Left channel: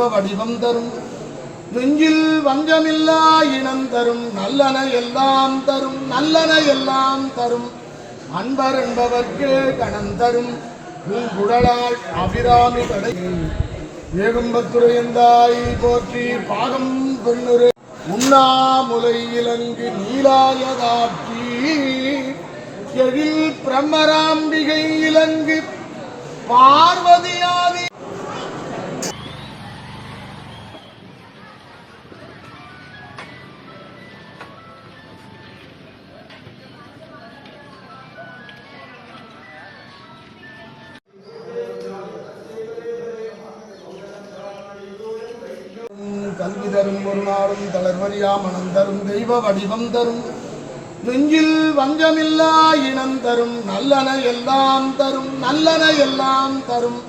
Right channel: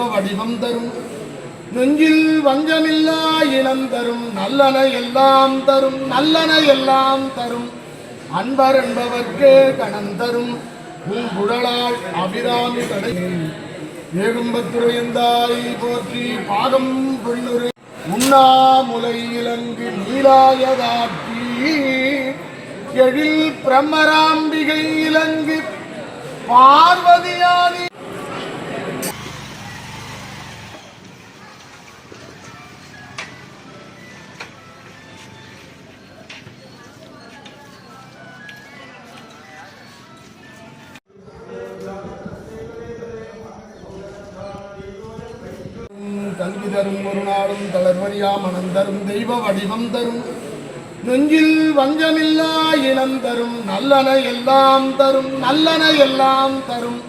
தெய்வ வடிவம் தரும் நெஞ்சில் வஞ்சமில்லா இனம் தரும் நல்லன எல்லாம் தரும் நல்லன எல்லாம் தரும் அன்பர் என்பவர்க்கு கணம் தரும் பூங்குழலாள் அபிராமி கடை ஏகம்பத்துரையந்தாய் போற்றி பாகம் பொன்னுரை உண்ணாமுலை இலங்கு நீலாயதாட்சி எழில் பிரம்மராம்பிகை இலங்கு பார்வதியாதி கல்வி தரும் ஒரு நாளும் தளர்வறியா மனம் தரும் தெய்வ வடிவம் தரும் நெஞ்சில் வஞ்சமில்லா இனம் தரும் நல்லன எல்லாம் தரும் நல்லன எல்லாம் தரும்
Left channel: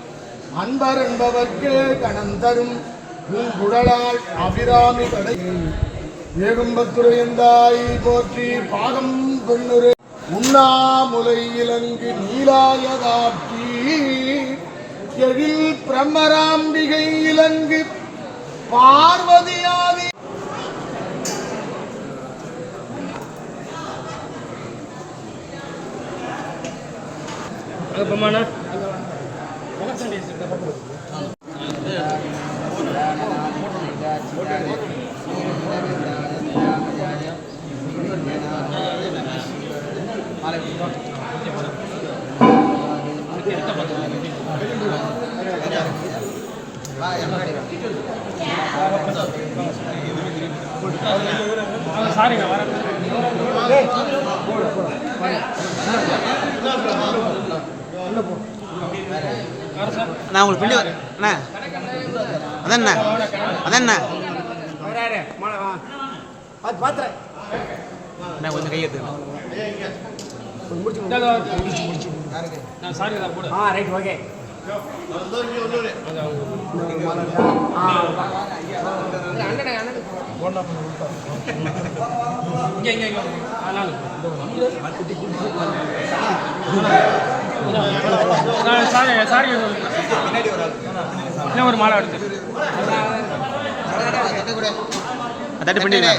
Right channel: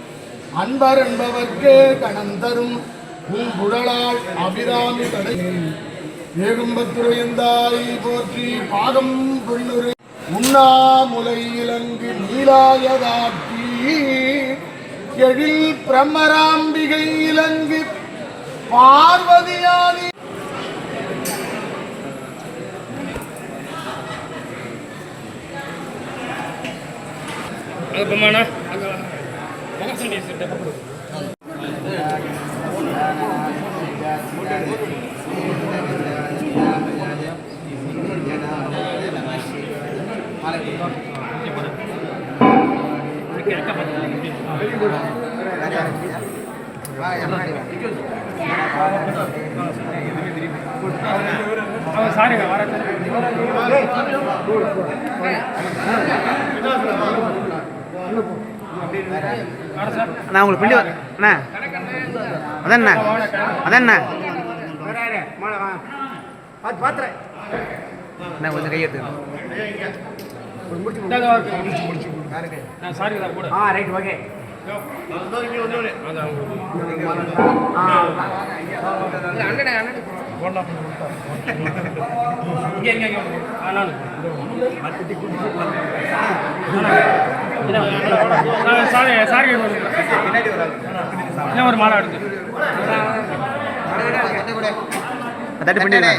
அன்பர் என்பவர்க்கு கணம் தரும் பூங்குழலாள் அபிராமி கடை ஏகம்பத்துரையந்தாய் போற்றி பாகம் பொன்னுரை உண்ணாமுலை இலங்கு நீலாயதாட்சி எழில் பிரம்மராம்பிகை இலங்கு பார்வதியாதி சாரிங்க வர நான் உங்களுக்கு பிண்டி அண்ணா அதண்ணா அதண்ணா நான் கொஞ்சம் கையெழுத்து சாரி கூட ரைட் ஓகே ஒரு மாலை எடுத்து தட்டு பண்ணிடுங்க